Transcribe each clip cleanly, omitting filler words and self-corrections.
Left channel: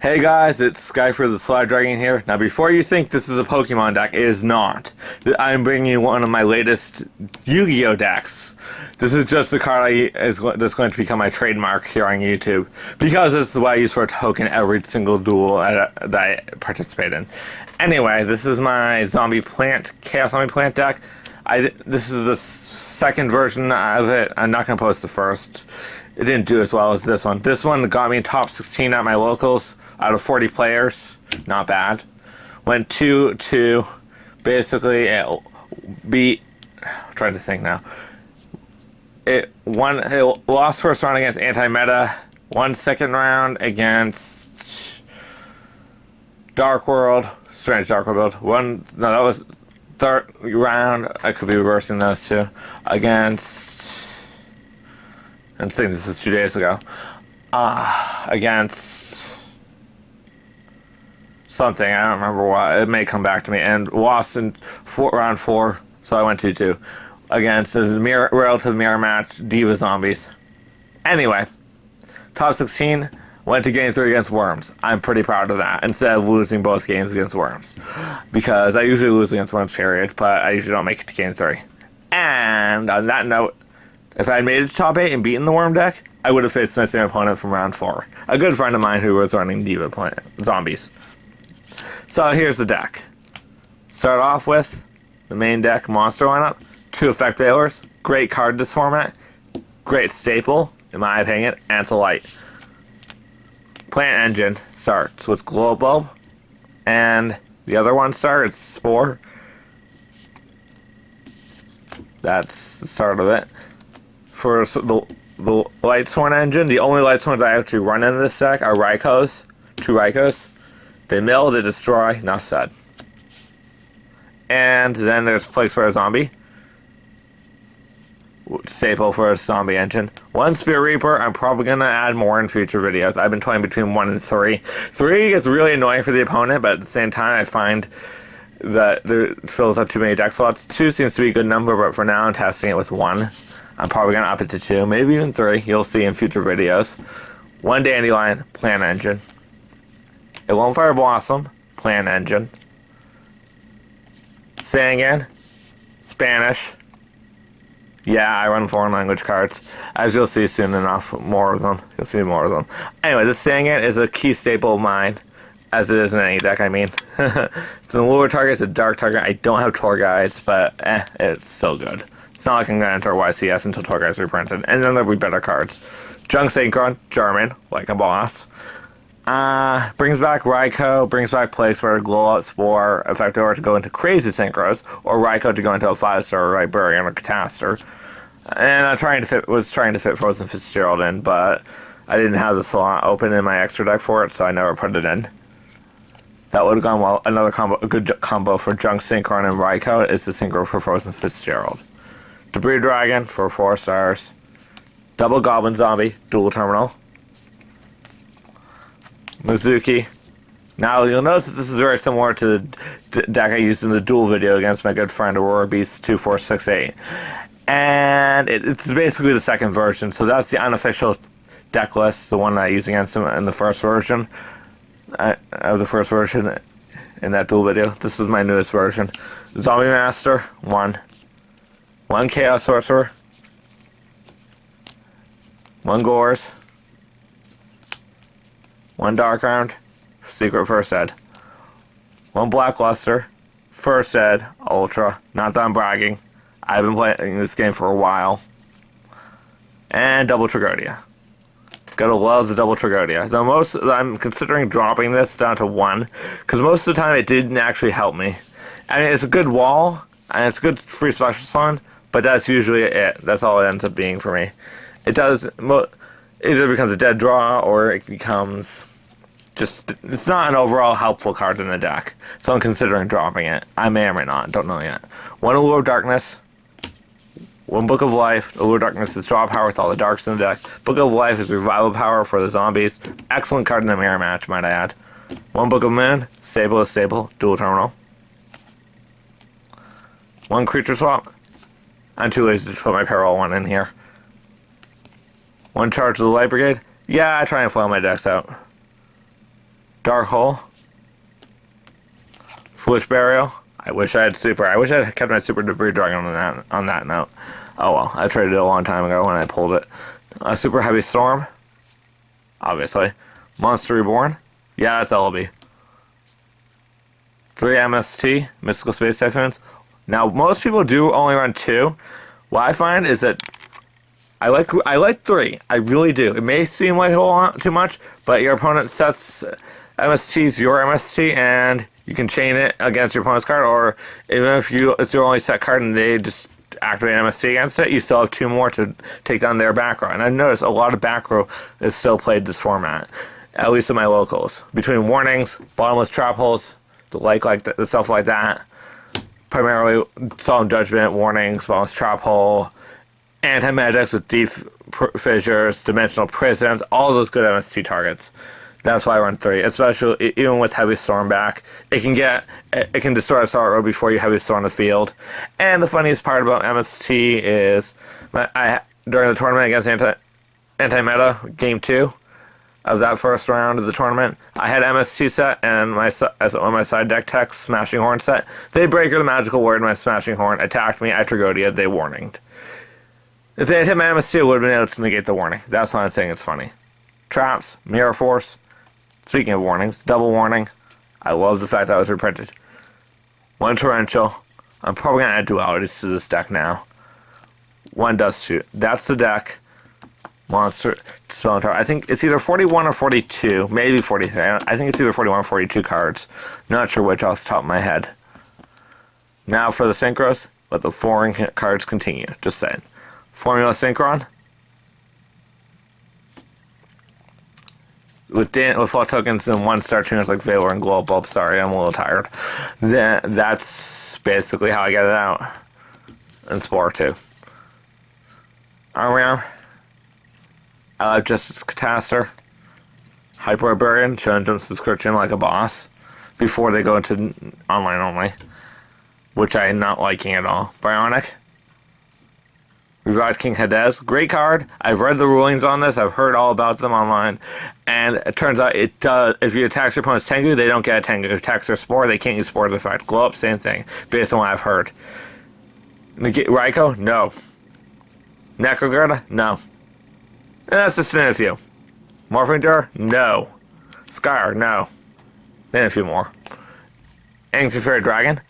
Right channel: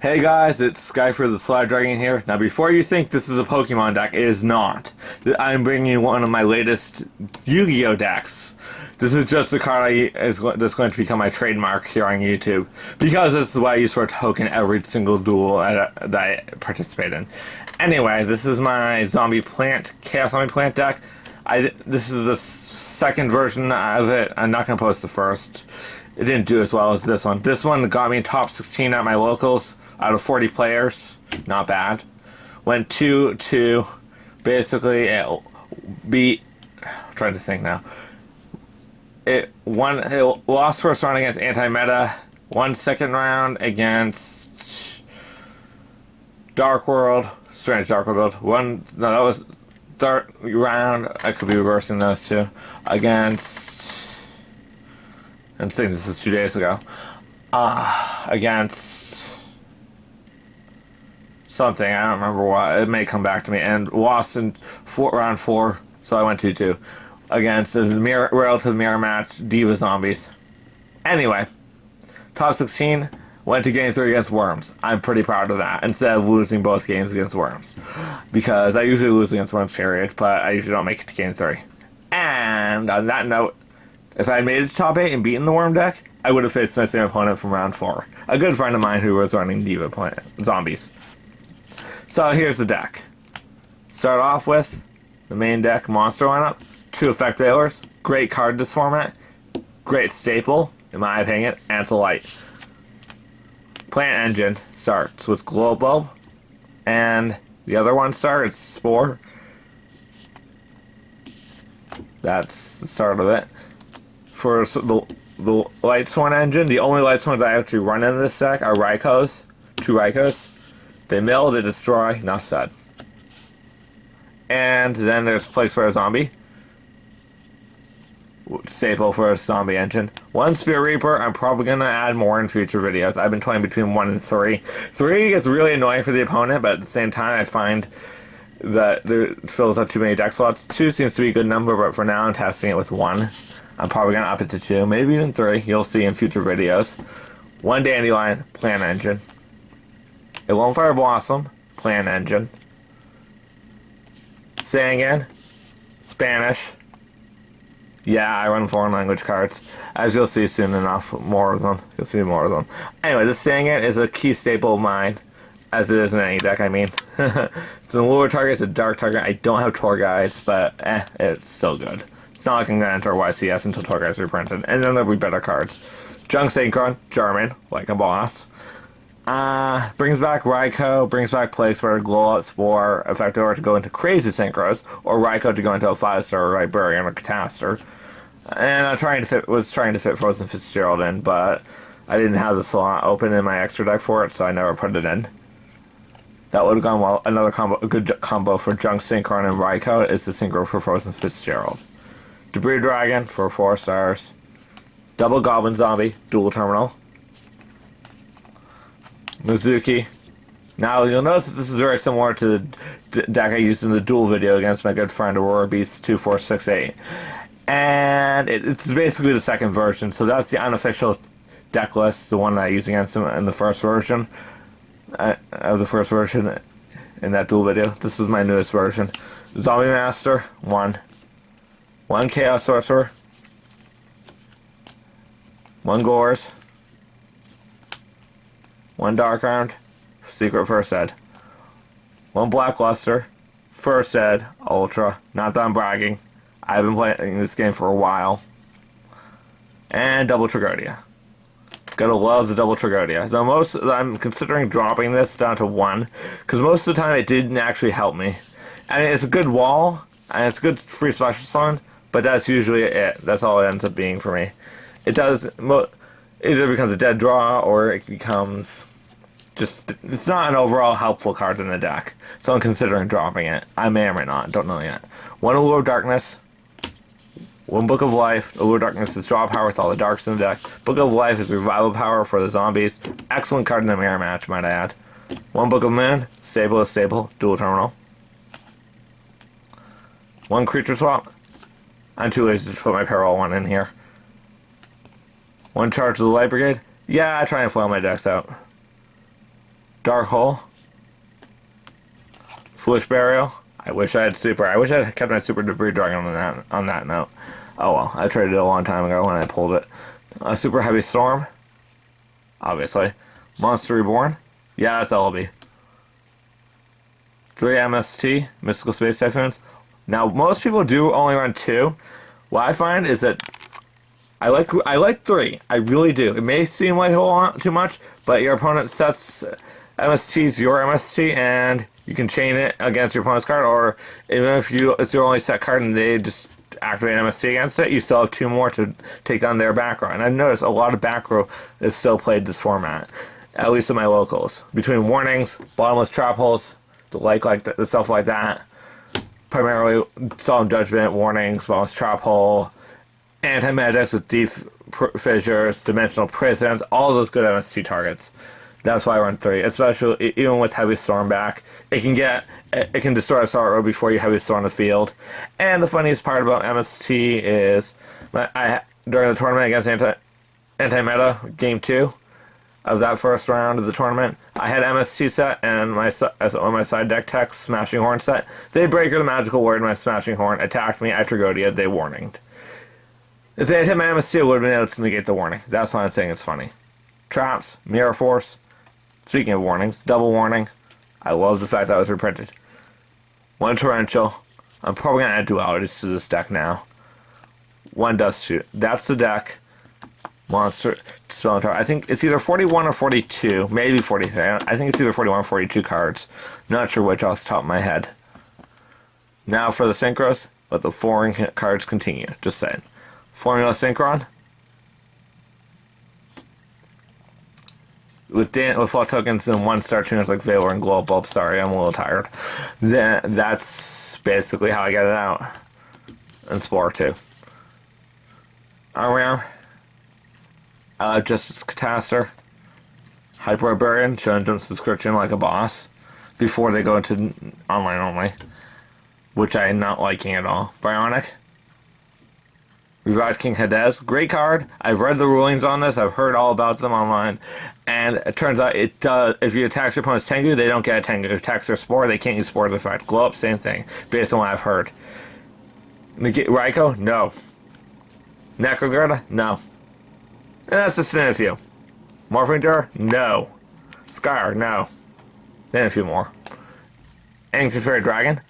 Hey guys, it's Skyfer the Slide Dragon here. Now before you think this is a Pokemon deck, it is not. I'm bringing you one of my latest Yu-Gi-Oh decks. This is just the card that's going to become my trademark here on YouTube, because it's what I use for a token every single duel that I participate in. Anyway, this is my Chaos Zombie Plant deck. This is the second version of it. I'm not going to post the first. It didn't do as well as this one. This one got me top 16 at my locals out of 40 players. Not bad. Went 2-2. Basically, it beat. I'm trying to think now. It lost first round against Anti-Meta. Won second round against Dark World. Strange Dark World. That was third round. I could be reversing those two. Against. I think this is 2 days ago. Against something, I don't remember what. It may come back to me. And lost in round 4, so I went 2-2. Against a relative mirror match, Diva Zombies. Anyway, top 16, went to game 3 against Worms. I'm pretty proud of that, instead of losing both games against Worms. Because I usually lose against Worms, period, but I usually don't make it to game 3. And on that note, if I had made it to top 8 and beaten the Worm deck, I would have faced the same opponent from round 4. A good friend of mine who was running Diva Zombies. So here's the deck. Start off with the main deck monster lineup. 2 Effect Veilers. Great card in this format. Great staple, in my opinion, and it's a light. Plant Engine starts with Glowbulb, and the other one starts Spore. That's the start of it. For the Lightsworn engine, the only Lightsworns I actually run in this deck are Raikos. 2 Raikos. They mill, they destroy, enough said. And then there's Plague Spreader Zombie. Staple for a zombie engine. 1 Spear Reaper, I'm probably going to add more in future videos. I've been toying between 1 and 3. 3 is really annoying for the opponent, but at the same time I find that it fills up too many deck slots. 2 seems to be a good number, but for now I'm testing it with 1. I'm probably going to up it to 2, maybe even 3. You'll see in future videos. 1 Dandelion, Plant Engine. A Lone Fire Blossom, Plant Engine. Sangan, Spanish. Yeah, I run foreign language cards. As you'll see soon enough, more of them. You'll see more of them. Anyway, this Sangan is a key staple of mine. As it is in any deck, I mean. It's a lower target, it's a dark target. I don't have tour guides, but it's still good. It's not like I'm going to enter YCS until tour guides are reprinted. And then there'll be better cards. Junk Synchron, German, like a boss. Brings back Raikou, brings back Plague Spreader, Glow Up, Spore, Effector to go into Crazy Synchros, or Raikou to go into a 5-star Librarian or Catastor. And I was trying to fit Frozen Fitzgerald in, but I didn't have the slot open in my extra deck for it, so I never put it in. That would have gone well. Another a good combo for Junk Synchron and Raikou is the Synchro for Frozen Fitzgerald. Debris Dragon for 4 stars. Double Goblin Zombie, Dual Terminal. Mizuki. Now you'll notice that this is very similar to the deck I used in the duel video against my good friend Aurora Beast 2468. And it's basically the second version, so that's the unofficial deck list, the one that I used against him in the first version. Of the first version in that duel video. This is my newest version. Zombie Master, 1. 1 Chaos Sorcerer. 1 Gores. 1 Dark Round. Secret First Ed. 1 Blackluster. First Ed. Ultra. Not that I'm bragging. I've been playing this game for a while. And Double Tragodia. Gotta love the Double Tragodia. So I'm considering dropping this down to 1, because most of the time it didn't actually help me. I mean, it's a good wall, and it's a good free special summon, but that's usually it. That's all it ends up being for me. It either becomes a dead draw, or it becomes it's not an overall helpful card in the deck. So I'm considering dropping it. I may or may not, don't know yet. 1 Allure of Darkness. 1 Book of Life. Allure Darkness is draw power with all the darks in the deck. Book of Life is revival power for the zombies. Excellent card in the mirror match, might I add. 1 Book of Moon. Stable is stable. Dual terminal. 1 creature swap. I'm too lazy to put my Peril 1 in here. 1 charge of the Light Brigade. Yeah, I try and flail my decks out. Dark Hole. Foolish Burial. I wish I had Super. I wish I had kept my Super Debris Dragon on that note. Oh well, I traded it a long time ago when I pulled it. Super Heavy Storm. Obviously. Monster Reborn. Yeah, that's LB. 3 MST, Mystical Space Typhoons. Now, most people do only run 2. What I find is that I like 3. I really do. It may seem like a whole lot too much, but your opponent sets MSTs your MST, and you can chain it against your opponent's card, or even if it's your only set card and they just activate MST against it, you still have 2 more to take down their back row. And I've noticed a lot of back row is still played this format, at least in my locals. Between Warnings, Bottomless Trap Holes, the stuff like that. Primarily Solemn Judgment, Warnings, Bottomless Trap Hole, Anti-Magics with Deep Fissures, Dimensional Prisons, all those good MST targets. That's why I run 3, especially even with Heavy Storm back. It can destroy a start row before you Heavy Storm the field. And the funniest part about MST is during the tournament against Anti-Meta, Game 2 of that first round of the tournament, I had MST set and on my side deck tech Smashing Horn set. They Breaker the Magical Word, my Smashing Horn attacked me, I Tragodia, they warninged. If they had hit my MST, I would have been able to negate the warning. That's why I'm saying it's funny. Traps, Mirror Force. Speaking of warnings, double warning. I love the fact that was reprinted. 1 Torrential. I'm probably going to add dualities to this deck now. 1 Dust Shoot. That's the deck. Monster Spell Tower. I think it's either 41 or 42. Maybe 43. I think it's either 41 or 42 cards. Not sure which off the top of my head. Now for the Synchros. Let the foreign cards continue. Just saying. Formula Synchron. With 4 tokens and 1-star tuners like Valor and Glow Bulb. Sorry, I'm a little tired. That's basically how I get it out. And Spore too. Arm. I like Justice Catastor. Hyperbarian, showing them subscription like a boss. Before they go into online only. Which I'm not liking at all. Bionic. Revived King Hades. Great card. I've read the rulings on this. I've heard all about them online. And it turns out it does. If you attack your opponent's Tengu, they don't get a Tengu. If you attack their Spore, they can't use Spore's effect. Glow Up, same thing. Based on what I've heard. Raikou? No. Necrogurda? No. And that's just in a few. Morphing Door? No. Skyr? No. Then a few more. Ancient Fairy Dragon?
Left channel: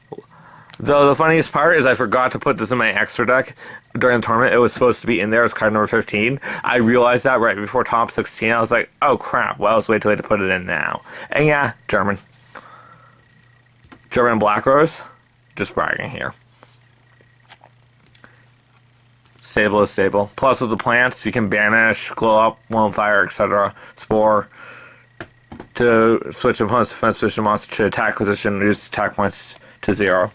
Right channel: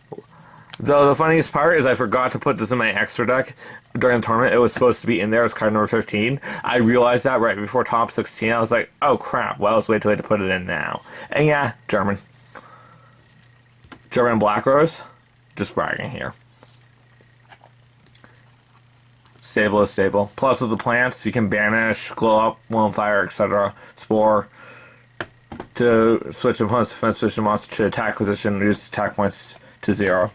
Though the funniest part is I forgot to put this in my extra deck during the tournament. It was supposed to be in there as card number 15. I realized that right before top 16. I was like, oh crap, well, it's way too late to put it in now. And yeah, German Black Rose. Just bragging here. Stable is stable. Plus with the plants, you can banish, glow up, Lone Fire, etc. Spore. To switch opponent's defense position monster to attack position, reduce attack points to 0.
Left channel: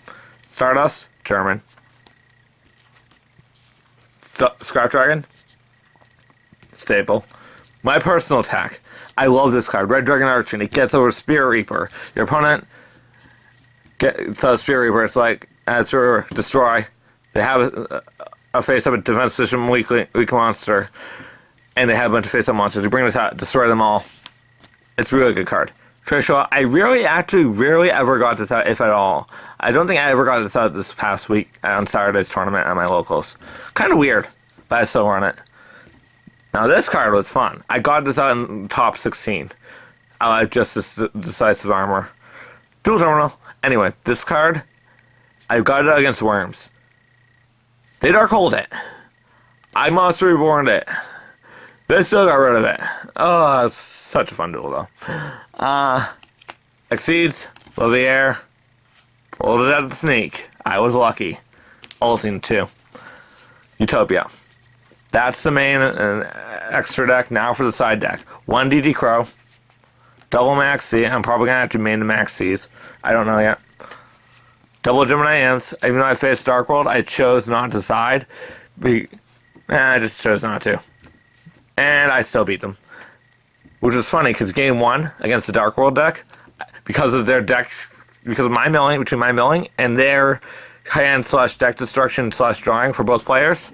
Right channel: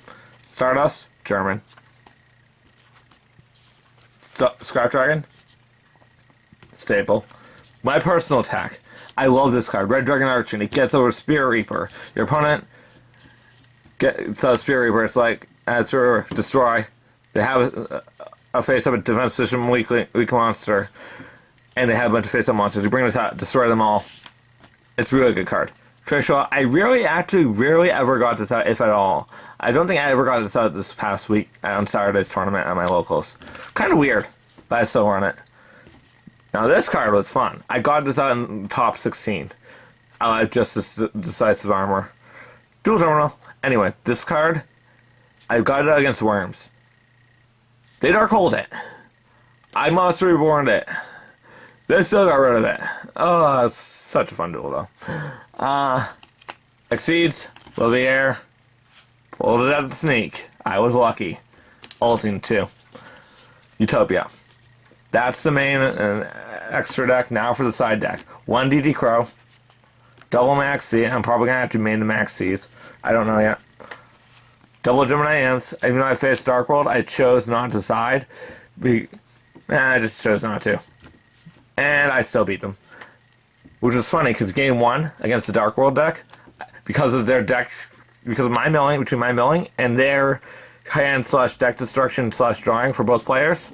Stardust, German. Scrap Dragon, staple. My personal attack. I love this card. Red Dragon Archon. It gets over Spirit Reaper. Your opponent gets Spirit Reaper. It's like Spirit Reaper, destroy. They have a face-up defense position weak monster, and they have a bunch of face-up monsters. You bring this out, destroy them all. It's a really good card. Trishula, I rarely ever got this out, if at all. I don't think I ever got this out this past week on Saturday's tournament at my locals. Kind of weird, but I still run it. Now this card was fun. I got this out in top 16. I like Justice Decisive Armor. Dual Terminal. Anyway, this card, I got it against Worms. They Dark Hold it. I Monster Reborn it. They still got rid of it. Oh, it's such a fun duel though. Exceeds, Love the Air, pulled it out of the sneak. I was lucky. Ulting too. Utopia. That's the main extra deck. Now for the side deck. 1 DD Crow, double Max C. I'm probably gonna have to main the Max C's. I don't know yet. Double Gemini Imps. Even though I faced Dark World, I chose not to side. I just chose not to. And I still beat them. Which was funny, because game 1 against the Dark World deck, because of their deck, because of my milling, between my milling and their hand / deck destruction / drawing for both players,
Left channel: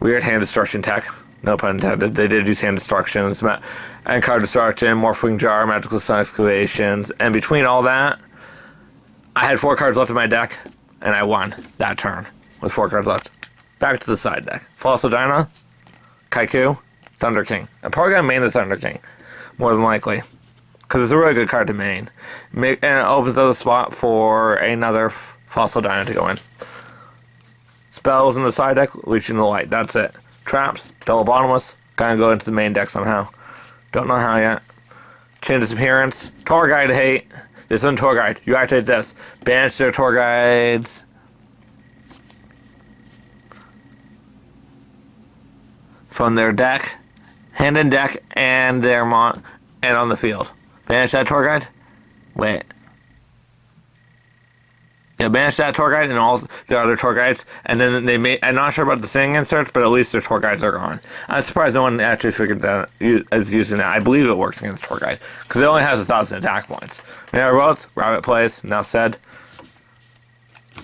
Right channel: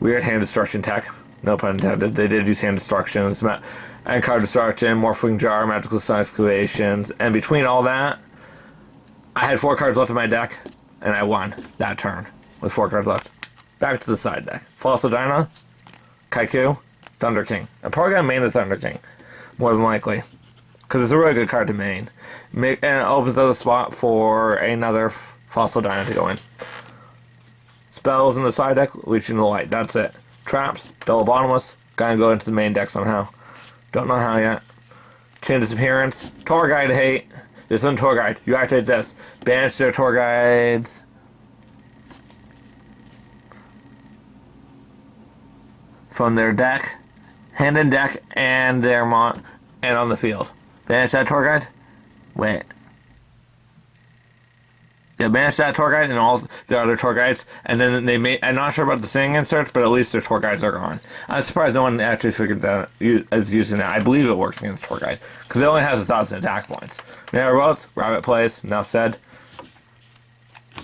weird hand destruction tech, no pun intended. They did use hand destruction. and Card Destruction, Morphling Jar, Magical Sun Excavations, and between all that, I had 4 cards left in my deck, and I won that turn with 4 cards left. Back to the side deck. Fossil Dyna, Kaiku, Thunder King. I'm probably going to main the Thunder King, more than likely, because it's a really good card to main. And it opens up a spot for another Fossil Dyna to go in. Spells in the side deck, Leeching the Light. That's it. Traps, Double Bottomless, gonna go into the main deck somehow. Don't know how yet. Chain Disappearance, Tour Guide Hate. This isn't Tour Guide. You activate this. Banish their Tour Guides. From their deck, hand in deck, and their and on the field. Banish that Tour Guide. Wait. Yeah, banish that Tour Guide and all the other Tour Guides, and then they may. I'm not sure about the singing inserts, but at least their Tour Guides are gone. I'm surprised no one actually figured that is using that. I believe it works against Tour Guide because it only has 1,000 attack points. Yeah, Roads, Rabbit plays. Enough said.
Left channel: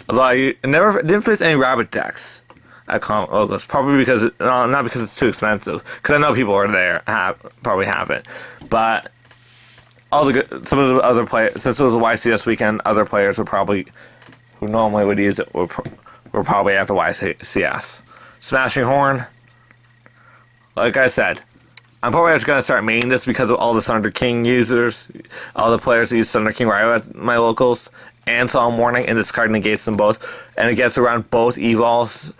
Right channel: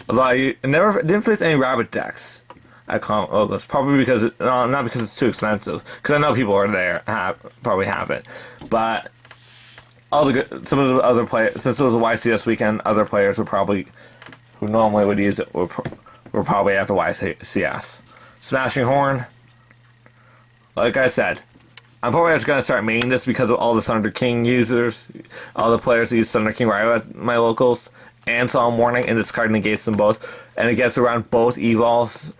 Although I never didn't face any Rabbit decks at Logos, probably because not because it's too expensive. Because I know people are there probably have it, but all the some of the other players, since it was a YCS weekend, other players would probably. Who normally would use it, we're probably at the YCS. Smashing Horn. Like I said, I'm probably just going to start maining this because of all the Thunder King users, all the players that use Thunder King right at my locals, and Solemn Warning, and this card negates them both. And it gets around both Evols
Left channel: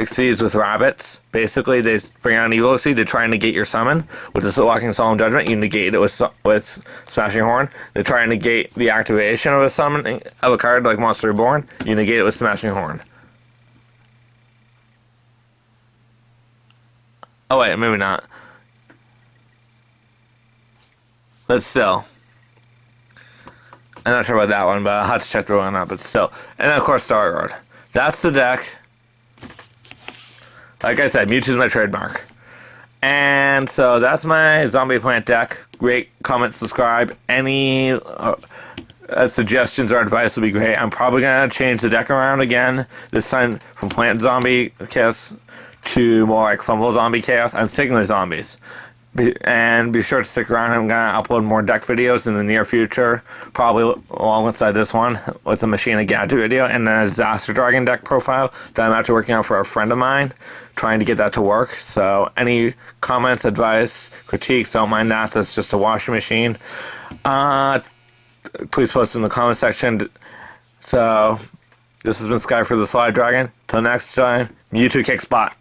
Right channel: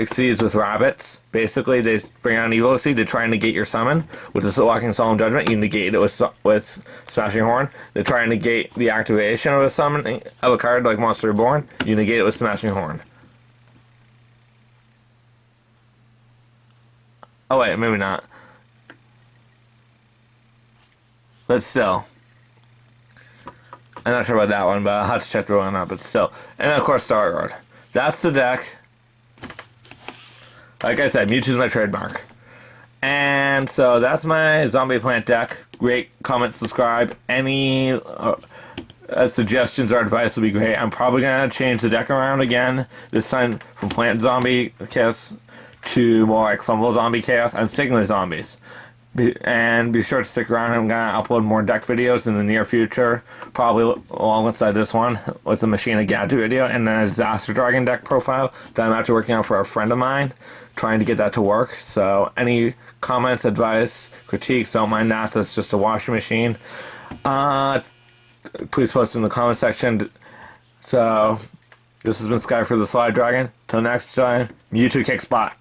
Exceeds with Rabbits. Basically, they bring out an Evo Exceed to try and negate your summon. With the Walking Solemn Judgment, you negate it with Smashing Horn. They try and negate the activation of a summon of a card like Monster Reborn. You negate it with Smashing Horn. Oh wait, maybe not. But still. I'm not sure about that one, but I'll have to check the one out, but still. And then of course Starguard. That's the deck. Like I said, Mewtwo's my trademark. And so that's my Zombie Plant deck. Rate, comment, subscribe. Any suggestions or advice would be great. I'm probably going to change the deck around again. This time from Plant Zombie Chaos to more like Fumble Zombie Chaos. I'm sticking with zombies. And be sure to stick around. I'm going to upload more deck videos in the near future. Probably alongside this one with the Machine of Gadget video and a Disaster Dragon deck profile that I'm actually working on for a friend of mine. Trying to get that to work. So any comments, advice, critiques, don't mind that. That's just a washing machine. Please post in the comment section. So this has been Sky for the Slide Dragon. Till next time, Mewtwo kicks butt.